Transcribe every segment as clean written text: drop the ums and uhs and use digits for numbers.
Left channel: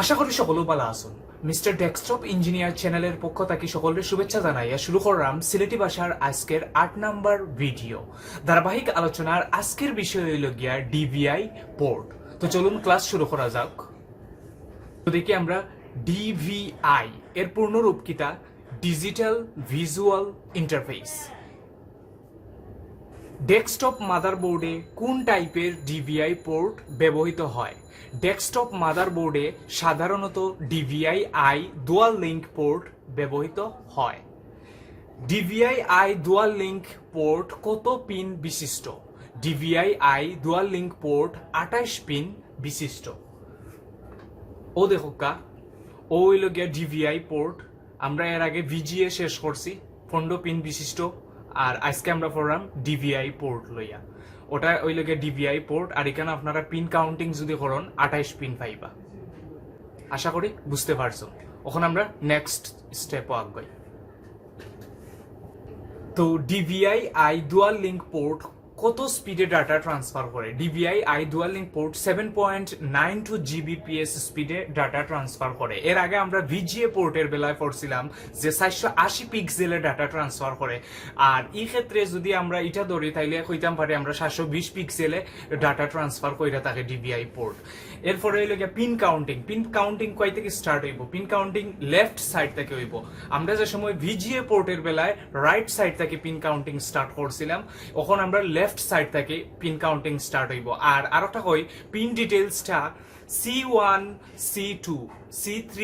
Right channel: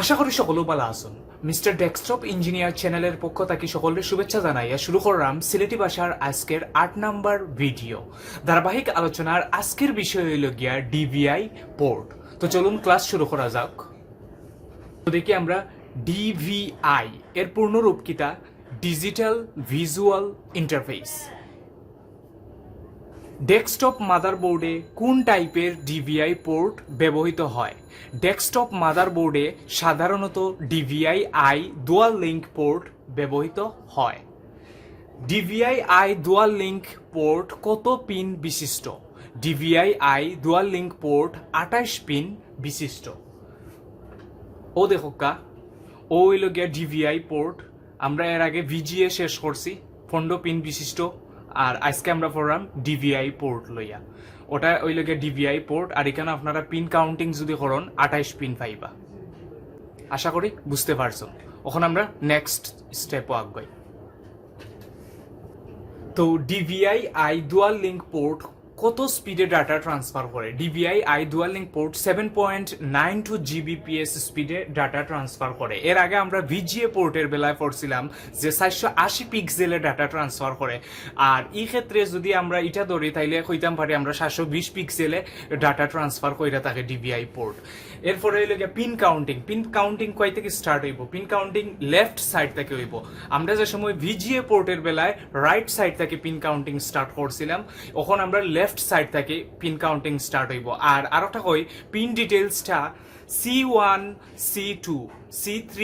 আশা করি সকলেও ভালো আছেন। মিস্টার ডেস্কটপ ইঞ্জিনিয়ার চ্যানেলের পক্ষ থেকে সকলের শুভেচ্ছা জানাইয়া শুরু করলাম সিলেটি ভাষার আজকের ৮ নাম্বার ভিডিও। ধারাবাহিক আলোচনার আজকের বিষয় হইল গিয়া ডিভিআই পোর্ট। তো চলুন ক্লাস শুরু করা যাক। তো দেখি আমরা ডিভিআই এর পূর্ণরূপ কিটা ডিজিটাল ভিজুয়াল ইন্টারফেস। ডেস্কটপ মাদারবোর্ডে কোন টাইপের ডিভিআই পোর্ট ব্যবহৃত হয়? ডেস্কটপ মাদারবোর্ডে সাধারণত DVI I dual link port ব্যবহৃত হয়। DVI I dual link port কত পিন বিশিষ্ট? DVI I dual link port ২৮ pin বিশিষ্ট। ও দেখো কা ও হইল গিয়া ডিভিআই পোর্ট। আমরা এর আগে ভিজিএ শেষ করছি ১৫ পিন বিশিষ্ট, আর আজকে আমরা পড়লাম ডিভিআই পোর্ট লইয়া। ওটা ওই লগে ডিভিআই পোর্ট, আর এখানে আপনারা পিন কাউন্টিং যদি করেন ২৮ পিন পাইবা। আশা করি বুঝতে পারছো। এখন আমরা নেক্সট স্টেপও আগাই। তো DVI I dual link port কত স্পিডে ডাটা ট্রান্সফার করে? DVI I dual link port 7.92 Gbps স্পিডে ডাটা ট্রান্সফার করে। এর আগে আমরা ভিজিএ পোর্টের বেলায় পড়ছিলাম যে ৪৮০ পিক্সেলে ডাটা ট্রান্সফার করে, আর এই ক্ষেত্রে যদি আমরা এটা ধরি তাইলে কইতাম পারি আমরা ৭২০ পিক্সেলে ডাটা ট্রান্সফার কইরা থাকে ডিভিআই পোর্ট। এরপরে হইল গিয়া পিন কাউন্টিং। পিন কাউন্টিং কয় থেকে স্টার্ট হইব? পিন কাউন্টিং লেফট সাইড থেকে হইব। আমরা যে সময় ভিজিএ পোর্টের বেলায় রাইট সাইড থেকে পিন কাউন্টিং স্টার্ট করছিলাম, এখন আমরা লেফট সাইড থেকে পিন কাউন্টিং স্টার্ট হইব। আর আরেকটা কই, pin ডিটেইলসটা C1 C2 C3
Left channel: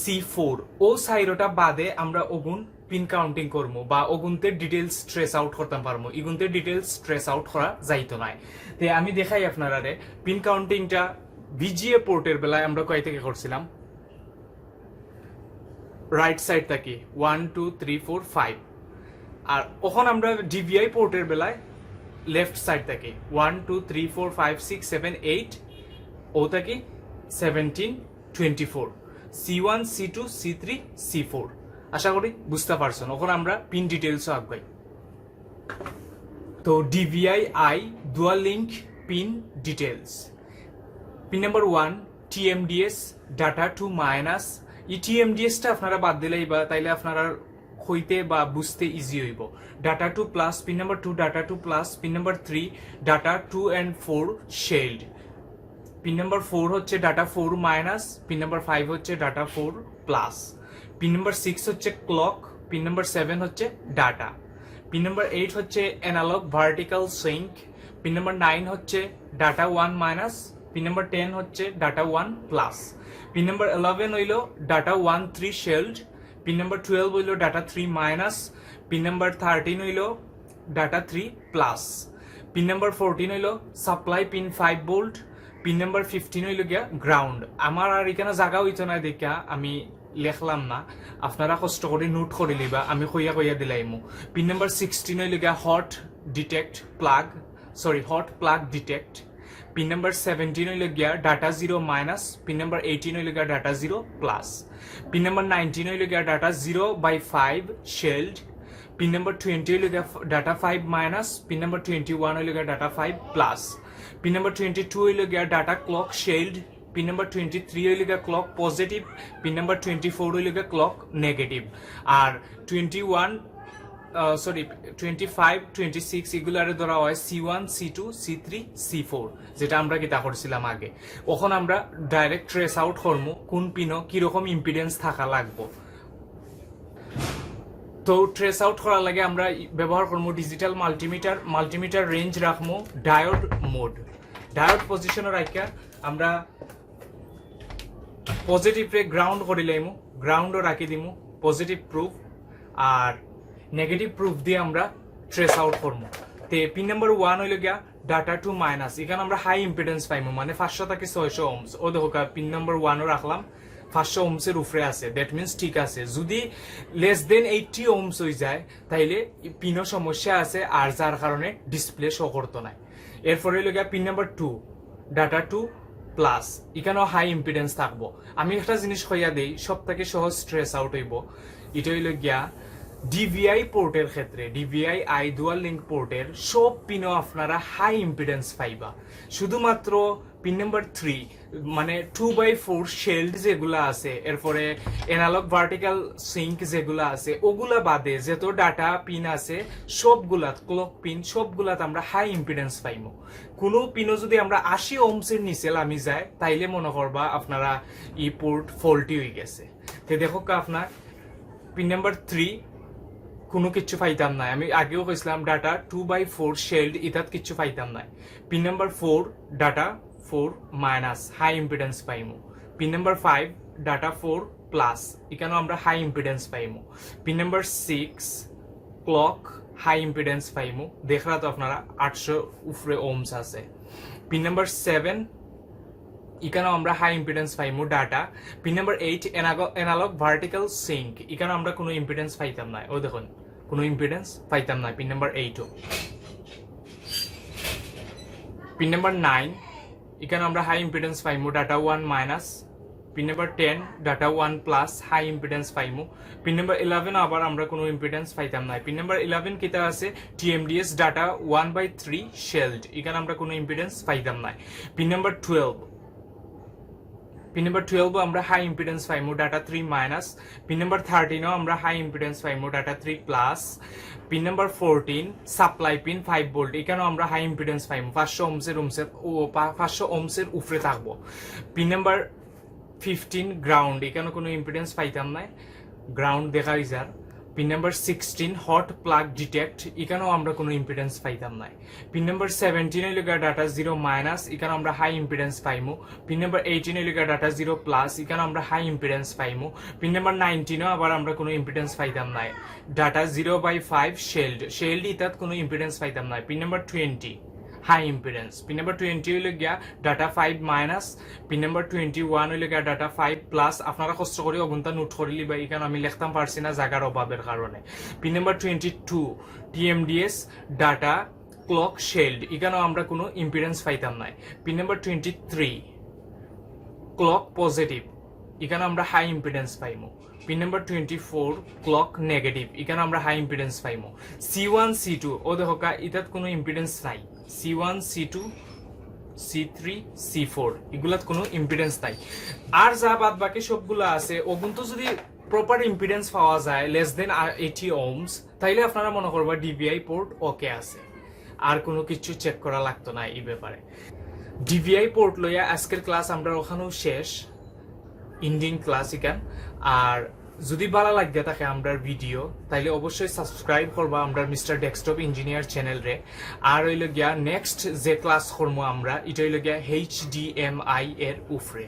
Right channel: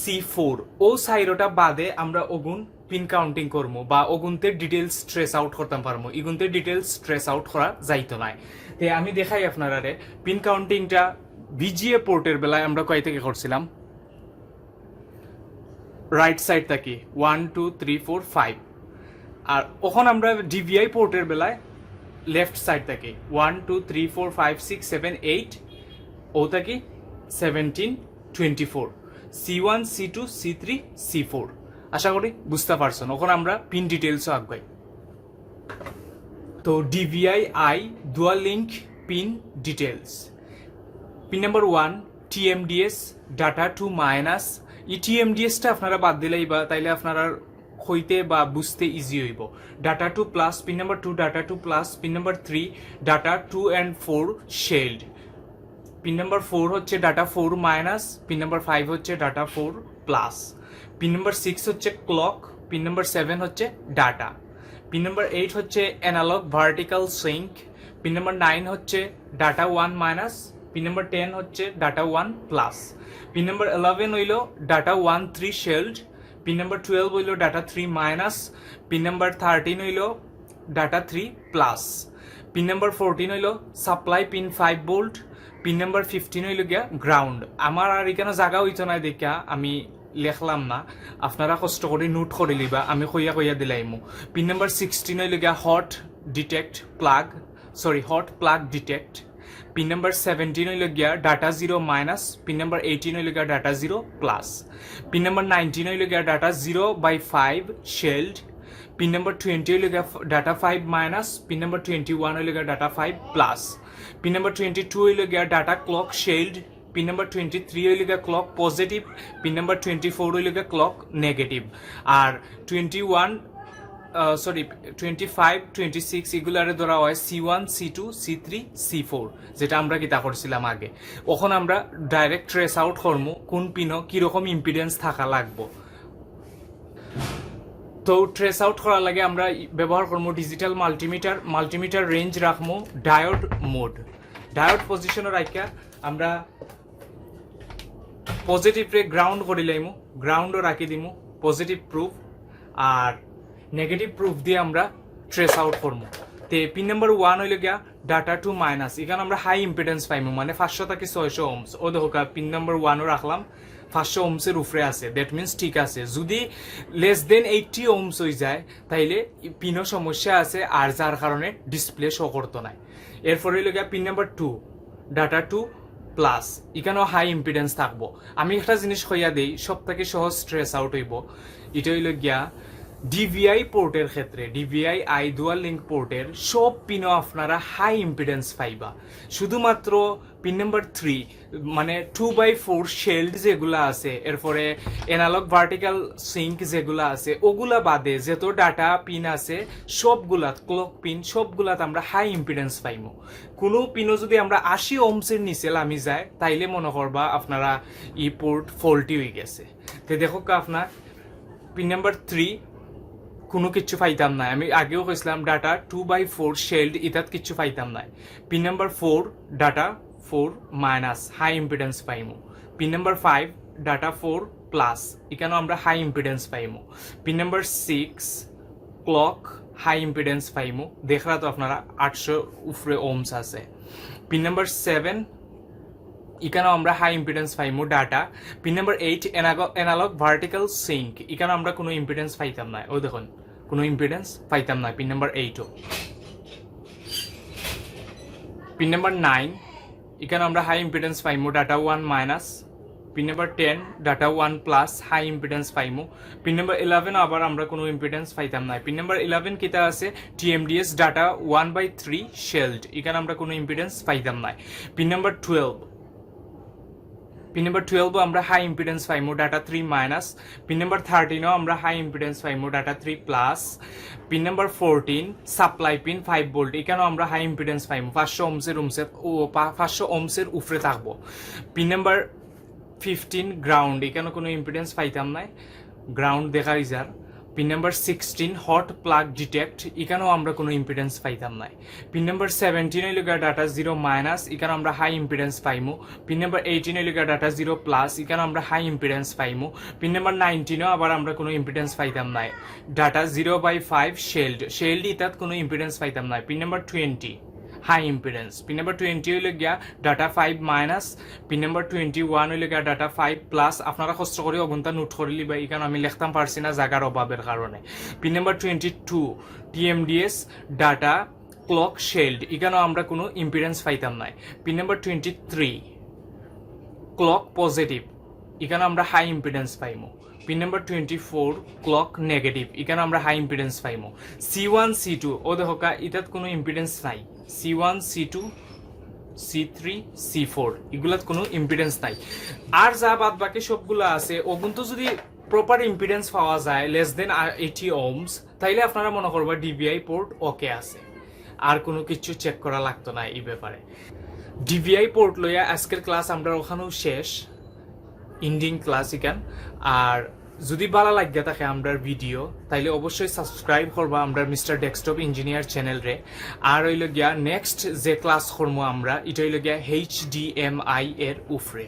C4 ও সাইরোটা বাদে আমরা ওগুন পিন কাউন্টিং করবো বা ওগুনতে ডিটেইলস ট্রেস আউট করতে পারবো। এগুনতে ডিটেইলস ট্রেস আউট করা যাইতো না। তো আমি দেখাই আপনারা পিন কাউন্টিংটা ভিজিএ পোর্টের বেলায় আমরা কয় থেকে করছিলাম? রাইট সাইড থেকে 1 2 3 4 5। আর ওখন আমরা ডিভিআই পোর্টের বেলায় লেফট সাইড থেকে 1 2 3 4 5 6 7 8 ও থেকে 17 24 C1 C2 C3 C4। আশা করি বুঝতে পারছেন। ওখন আমরা পিন ডিটেইলসও আগাই। তো DVI I dual link pin details. Pin number 1 TMDS data two minus. এই TMDSটা আপনারা বাদ দিলেই বা তাইলে আপনারা হইতে বা বুঝতে ইজি হইব। Data two plus, pin number 2 data two plus, pin number 3 data 2 and 4 shield, pin number 4 হচ্ছে ডাটা 4 মাইনাস, পিন নাম্বার 5 হচ্ছে ডাটা 4 প্লাস, পিন নাম্বার 6 হচ্ছে ক্লক, পিন নাম্বার 7 হচ্ছে ডাটা, পিন নাম্বার 8 হচ্ছে analogue vertical sync, pin number 9 হচ্ছে data 1 minus, pin number 10 হচ্ছে data 1 plus, pin number 11 হইল data 1 3 শেল্ড, pin number 12 হইল data 3 minus, pin number 13 হইল data 3 plus, pin number 14 হইল supply pin 5 volt, pin number 15 হইল গিয়া ground. আমার আর এখানে জায়গা হইতো না দেখা আমি লেখলাম না, আপনারা কষ্ট করে নোট করে লিবা, আমি কইয়া কইয়া দিলাইমু। পিন নাম্বার 16 হইল গিয়া hot plug detect. Pin number 17 হইল গিয়া ডাটা 0 মাইনাস, পিন নাম্বার 18 হইল গিয়া ডাটা 0 প্লাস, পিন নাম্বার 19 হইল গিয়া ডাটা 0/5 শেল্ড, পিন নাম্বার 20 হইল গিয়া ডাটা 5 মাইনাস, পিন নাম্বার 21 হইল গিয়া ডাটা 5 প্লাস, পিন নাম্বার 22 হইল গিয়া ডাটা ক্লক শেল্ড, পিন নাম্বার 23 হইল গিয়া ক্লক পজিটিভ, পিন নাম্বার 24 হইল গিয়া ক্লক নেগেটিভ। আর 25 26 এগুলারে ধরা হয় C1 C2 C3 C4, যেটা আমরা কিতা করছিলাম আগে। এখন আমরা ডাইরেক্ট ট্রেস আউট করবো কোন পিনও কিরকম ইম্পিডেন্স থাকা লাগবো। তো ট্রেস আউট করার লাগে আমরা ব্যবহার করবো ডিজিটাল মাল্টিমিটার রেঞ্জ রাখবো ডায়োড মোড। ডায়োড পজিশনে রাখা আমরা পজিটিভ রে গ্রাউন্ড করে লাইমু, গ্রাউন্ডও রাখি দিমু পজিটিভ প্রুফ, আর নেগেটিভ প্রুফ দিয়ে আমরা ট্রেস আউট করবো। তে পিন নাম্বার 1 হইল গিয়া ডাটা 2 মাইনাস। এখানে আমরা হাই ইম্পিডেন্স পাইমু, মানে 500 থেকে 600 ওহমস। ও দেখো পিন নাম্বার 1ও রাখলাম 500 ওহমসের উপরে আছে, দ্যাট মিনস ঠিক আছে। যদি লেস দেন 80 ওহমস হয়ে যায় তাইলে পিনও সমস্যা আছে, আর যার কারণে ডিসপ্লে শো করতো না। এরপর হইল গিয়া পিন নাম্বার 2 ডাটা 2 প্লাস, এখানেও হাই ইম্পিডেন্স থাকবো। আমি একটা জিনিস কইয়া দেই, সব থেকে সহজ ট্রেস আউট হইব। এটা হইল গিয়া ডিভিআই পোর্টের ক্ষেত্রে ডিভিআই আই ডুয়াল লিঙ্ক পোর্টের সব পিনও আপনারা হাই ইম্পিডেন্স পাইবা। শুধুমাত্র পিন নাম্বার 3 মানে 2/4 শেল্ড যেগুলা আছে, এরপরে এনালগ ভার্টিক্যাল সিঙ্ক যেগুলা আছে ওগুলা বাদে যত ডাটা পিন আছে সবগুলা ক্লক পিন সবগুলাতে আমরা হাই ইম্পিডেন্স পাইমো। কোনো পিনও যদি আমরা 80 ওহমসের নিচে নামি যায় তাইলে মনে করবা আপনারা ই পোর্ট ফল্টি হয়ে গেছে। তো দেখো আপনার পিন নাম্বার 3 কোনো কিছু পাইতাম নাই, আমি আগেও কইছিলাম ডাটা 2/4 শেল্ড ইতাত কিছু পাইতাম নাই। Pin number 4 data 4 minus high impedance পাইমু। পিন নাম্বার 5 ডাটা 4 প্লাস এখানেও আমরা হাই ইম্পিডেন্স পাইমু। Pin number 6 clock high impedance পাইমু, দেখলা তো আপনারা 800 উপরে ওহমস আছে। পিন নাম্বার 7 এখানেও আমরা হাই ইম্পিডেন্স পাইমু data. Pin number 8 analog vertical sync, এখানে আমরা কোনো ইম্পিডেন্স পাইতাম না, ও দেখুন কোনো ইম্পিডেন্স পাইতাম না পিন নাম্বার 8ও। পিন নাম্বার 9 এখানে আমরা হাই ইম্পিডেন্স পাইমু data 1 minus. Pin number 10 data 1 plus high impedance পাইমু। পিন নাম্বার 11 আবার আমরা কোনো ইম্পিডেন্স পাইতাম না। পিন নাম্বার 11 কিতা আছে টিএমডিএস ডাটা 1/3 শেল্ড, এখানে আমরা কোনো ইম্পিডেন্স পাইতাম না। পিন নাম্বার 12 আমরা হাই ইম্পিডেন্স পাইমু ডাটা 3 মাইনাস। পিন নাম্বার 13 আমরা হাই ইম্পিডেন্স পাইমু data 3 plus. Pin number 14 supply pin 5 volt, এখানেও আমরা হাই ইম্পিডেন্স পাইমু 500 ওহমসের উপরে থাকবো। পিন নাম্বার 15 গ্রাউন্ড, এখানে কোনো ইম্পিডেন্স পাইতাম না, গ্রাউন্ড দেখাই যার। Pin number 16 hot plug detect, এখানেও আমরা কোনো ইম্পিডেন্স পাইতাম না। পিন নাম্বার 17 হইল ডাটা 0 মাইনাস, এখানে আমরা হাই ইম্পিডেন্স পাইমু। পিন নাম্বার 18 হইল ডাটা 0 প্লাস, এখানে আমরা হাই ইম্পিডেন্স পাইমু। পিন নাম্বার 19 আবার আমরা কোনো ইম্পিডেন্স পাইতাম না, ডাটা 0/5 শেল্ড ইতাত কোনো ইম্পিডেন্স পাইতাম না। Pin number 20 high impedance. Pin number 20 হইলে গিয়া ডাটা 5 মাইনাস। পিন নাম্বার 21 হইলে গিয়া ডাটা 5 প্লাস। আপনারা কষ্ট করে অগুনটা নোট করে লিবা, এখানে আমি লিখতাম পারছি না জায়গার অভাবের কারণে। Pin number 22 TMDS data clock shield, এখানেও আমরা কোনো ইম্পিডেন্স পাইতাম না। পিন নাম্বার 23 ক্লক পজিটিভ, এখানে আমরা হাই ইম্পিডেন্স পাইমু। পিন নাম্বার 24 ক্লক নেগেটিভ, এখানে আমরা হাই ইম্পিডেন্স পাইমু। C1 C2 ও দেখো এটাত কোনো ইম্পিডেন্স নাই। C1 C2 C3 C4 এগুলাত কোনো ইম্পিডেন্স নাই। আর যা বাদ বাকি সবগুলো আছে ওগুলো যদি প্রপার ইম্পিডেন্স পাওয়া যায় লেস দেন 80 ওহমস, তাইলে আপনারা মনে করবা ডিভিআই পোর্ট ওকে আছে, আর কোনো কিছু চেক করা লাগতো না এই ব্যাপারে। ডিভিআই পোর্ট লইয়া আজকের ক্লাস আমরা ওখানেও শেষ, ইন্ডিং ক্লাস ইকান। আর যদি ভালো লাগে থাকে আমরা ভিডিও তাইলে অবশ্যই সাবস্ক্রাইব করবা আমরা মিস্টার ডেস্কটপ ইঞ্জিনিয়ার চ্যানেল রে। আর হইল গিয়া নেক্সট যে ক্লাস করবো আমরা এটা হইল গিয়া HDMI এর উপরে।